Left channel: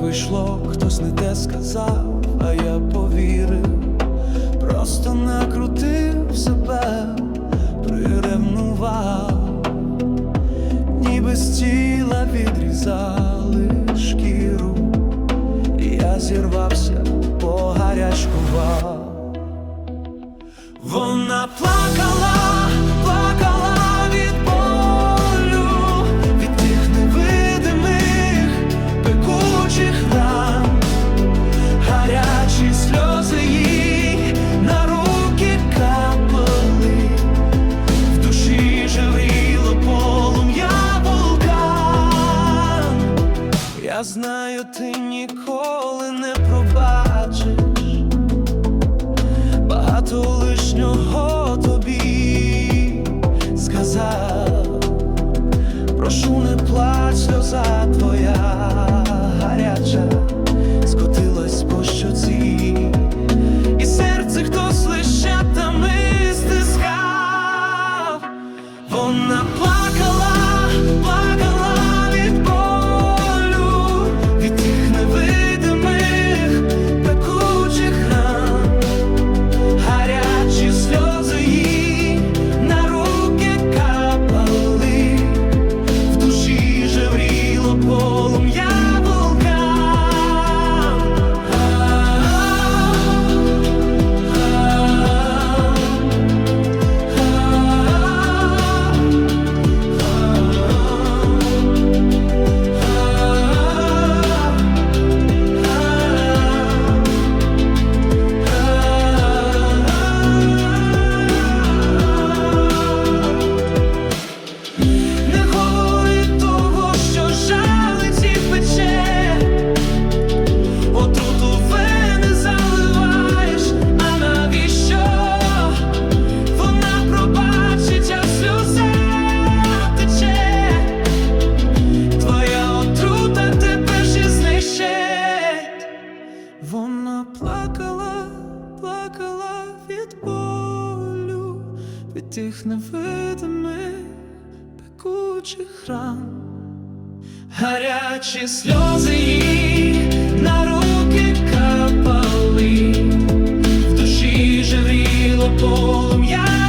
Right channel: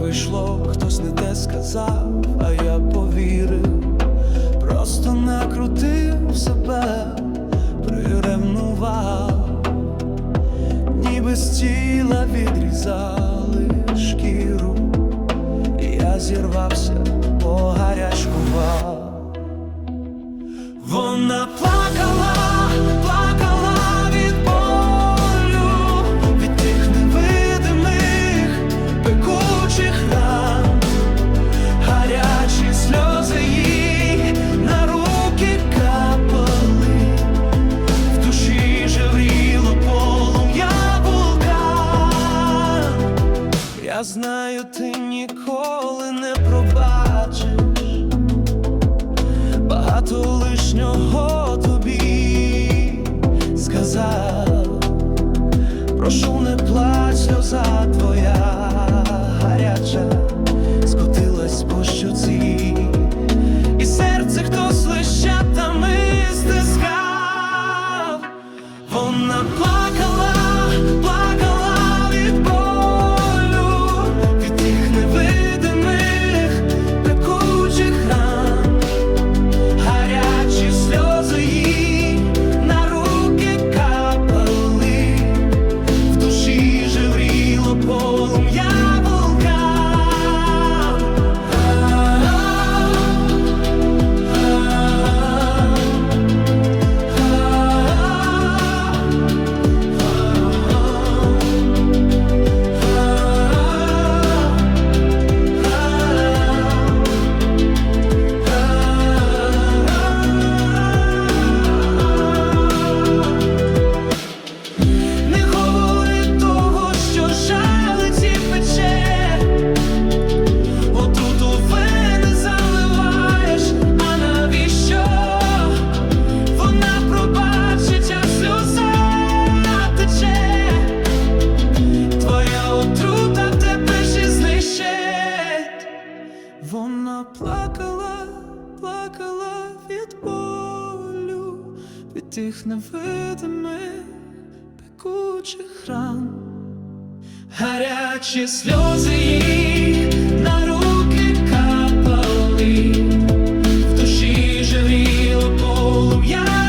прийшло, хтось не те сказав, а я повірив, просто накрутив себе, приревнував, ніби з тіла відрізали шкіру, я зірвався, погарячкував. Вона плакала гарячі сльози їй на руки капали, в душі жевріло полум'я вулкан. Я знаю, ти ніколи не пробачиш багато лишнього тобі сказав. Прошу, не плач, сльоза твоя скотилась по щоці, і серце хтось лищатами стискав. Вона плакала, плакала від болю, від тих невидимих, пекучих ран гарячі сльози отруту вени заливаєш, а навіщо? Вона пробачить, а сльоза тече, твоя отрута тебе ж знищить. Вона плакала, плакала від болю, від тих невидимих пекучих ран, гарячі сльози їй Загріло полум'я.